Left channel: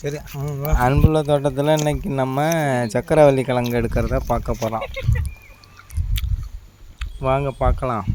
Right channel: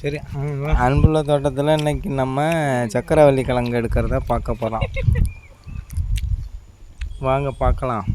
சரி அன்புள்ள தோட்டத்தில் இன்னைக்கு நம்ம சக்கரவள்ளி கிழங்கு எடுக்கிறத பார்க்க போகிறோம் வாங்க பார்க்கலாம்.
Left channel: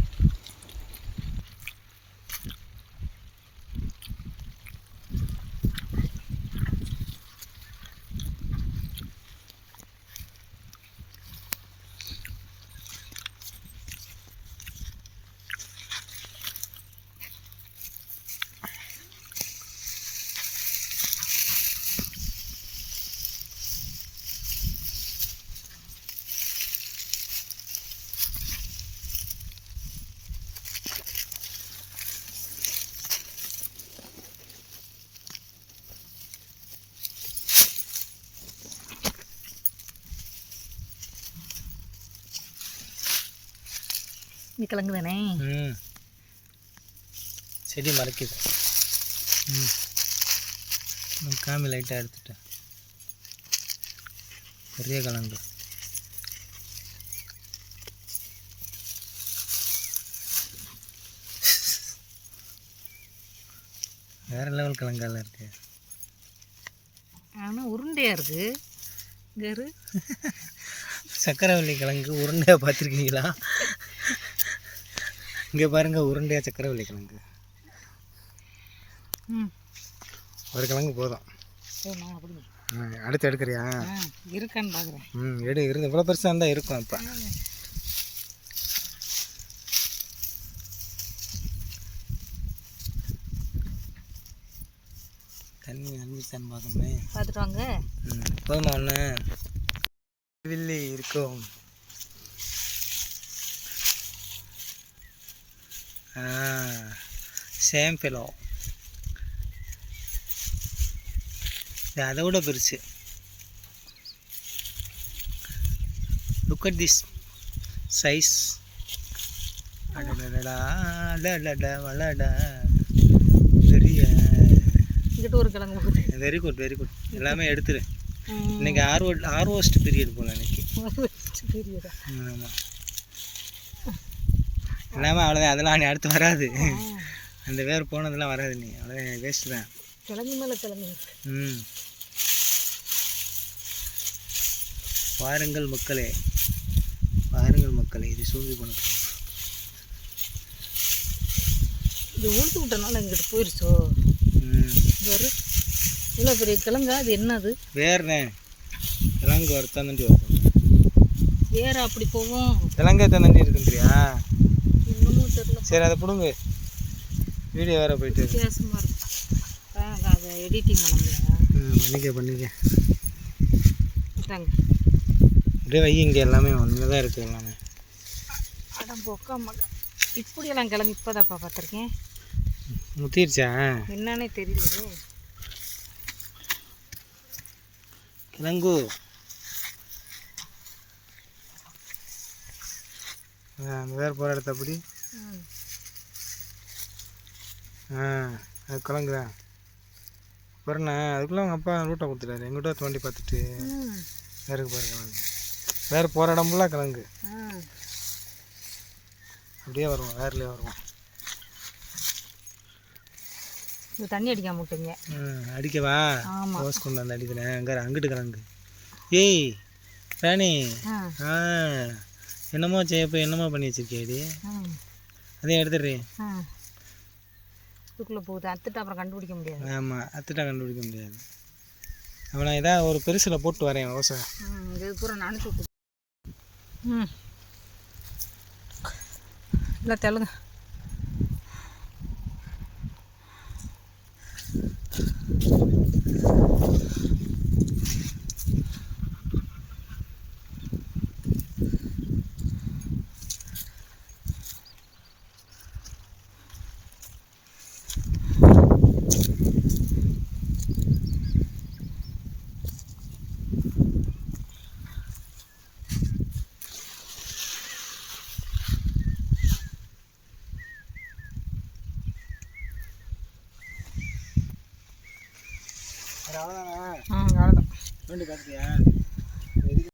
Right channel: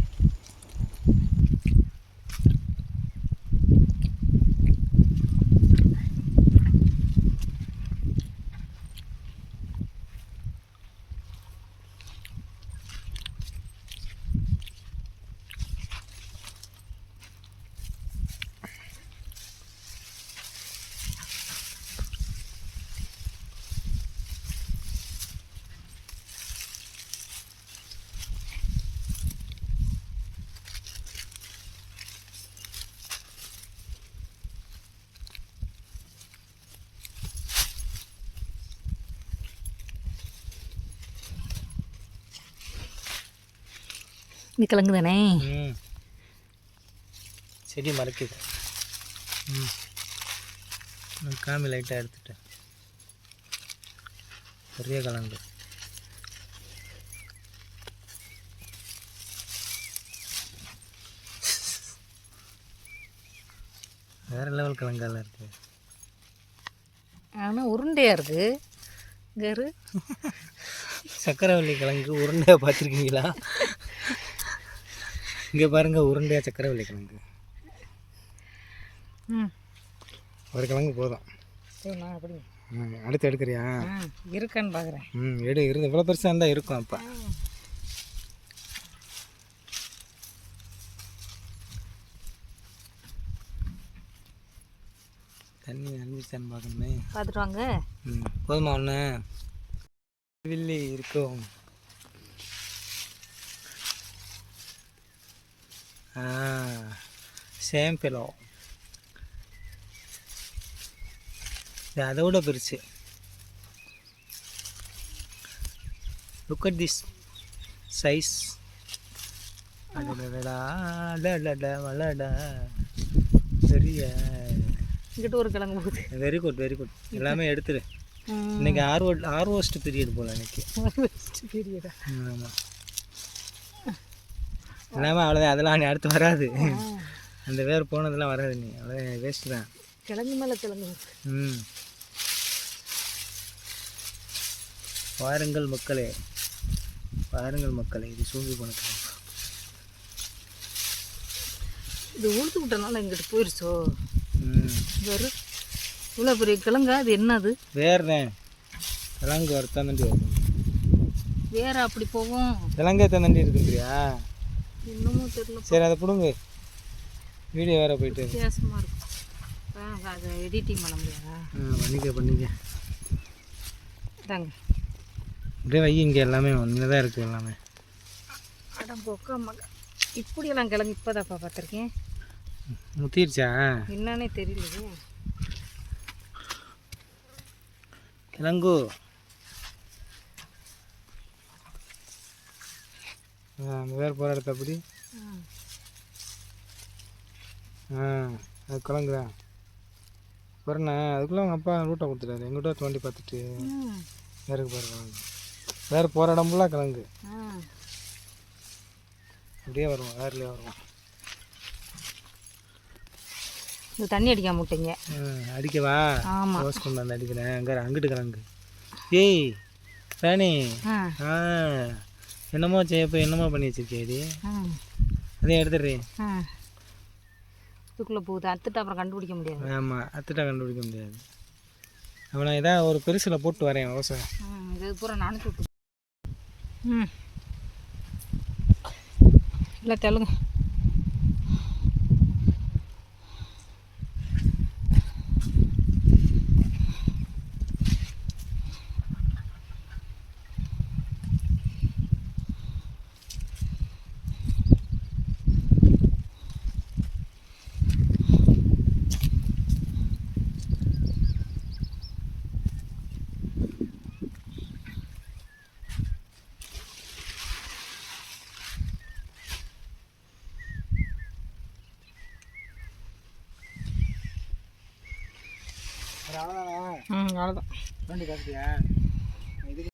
இந்த கிழங்கு தானே? ம். செடி மறைக்குது. ம். காமி லைட்டாக எடுத்துட்டேன். பெரிய கிழங்கு. வேற லெவல் கிழங்கால இருக்கு. ஆனால் உருண்டையாக இருக்குது கரு. சக்கரவள்ளி கிழங்கு உருண்டையாக பார்த்துருக்கீங்களா? இங்கே பாருங்க உருண்டையாக சக்கரவள்ளி கிழங்கு ம். ஒரு கிழங்கு போதும். அடுத்து எடுக்கிறியா? இருக்கான்னு பார்க்குறேன் ம் எடு இருந்து இவ்வளோ பெருசாக இருந்தால் இருக்கும் இப்போ தண்ணி அழிஞ்சிச்சான்னு பார்க்கணுமே. பார்த்துட்டு வாங்க. ம் போதுமா ஒன்று வில்லி இருக்கும். சேம் பிலோ இது அதை விட பெருசு. லுக் அட் திஸ் சைஸ் அடடடா அடடடா வளடா பெரிய. இங்கிட்ட ஒரு கிழங்கு போகுது. வெரி குட் வெரி குட் எல்லாமே எடுத்துரு. இன்னைக்கு ஆர்வோ ஆர்வோஸ்ட் பீரியட் போல இன்னைக்கு. ஆமாம் எல்லாமே அவ்வளோதான் அதெல்லாம் நீ அடுத்து வராது. அந்த வேர் போனதெல்லாம் வராது நீ. அவ்வளோதான் வேஸ்ட் தான். கிழங்கு மேலே கிழங்கு. ம். வாருங்கள் மக்களே. வாருங்கள் மக்களே. இது சூழ்ந்து போனது இது உளுத்து விட்டனால இங்கிட்ட போயிருச்சோ? ம். வரு இவ்வளோ பெரிய கிழங்கா? அது என்னது? வேறுனே கிழங்கு வறுத்தாண்டி வரும் வேற அப்படி போகும். கிழங்கு எத்தனை இருக்குன்றியா இன்னமும் தெரியல சரி அதை பிடுங்க. வீடியோ வேற போயிட்டு. வித்தியாசமாக இருக்கும் அதை எடிட்டிங் பண்ண முடியாதா? பண்ணிக்க பண்ணிக்க. அப்படியே வை இங்கே எல்லாமே ஒன்று தான் இருக்குது எல்லாமே அடம் பொக்கா இப்படியெல்லாம் கிழங்கு இப்போதாப்பா பார்த்துருக்கேன். முத்திருச்சா? என்னன்னே தெரியலையே. கிழங்கு. அந்த வேறு போகிற இடத்த ம் ஆ அது கிழங்குதான் பாருண்ணா அதுக்குள்ளே அவங்க அப்பா ரூட்டை கொடுத்துட்டாரு. எங்கிட்ட தோண்டி பார்த்துட்டு வேறுக்கு பாரு கிழங்கு வேறு போகிற இடம் ஃபுல்லாக கிழங்கு அப்படியே வருவோம் வேறுலேயே வருவோம். தண்ணி அடிக்காம விட்டீங்க. ம் அடிக்கவா? ரோஸ் கொண்டு வந்து அடிக்கிறேன் அங்கே அங்கிட்டு கிழங்கு ஏய் ராணி. ஆ. என்னமோ செய்யப்போ என்னமோ பண்ணி வச்சிருக்கியாடி ம். அதையும் எடுத்துடுறேன் ம். இதுக்குள்ளே போகுது. அத்துட்டு அப்புறம் கண்டுபிடிக்க முடியாது. ஆமாம் அத்துட்டா கண்டுபிடிக்க முடியாது. அவனை ஏதாவது ஒரு பெருசில் போட்டு வரேன் ம் இது பூரா நினச்சி ம். இல்லை தெலுங்க. அவ்வளோதானா ம் அவ்வளோதான் வேண்டி பார்த்தியா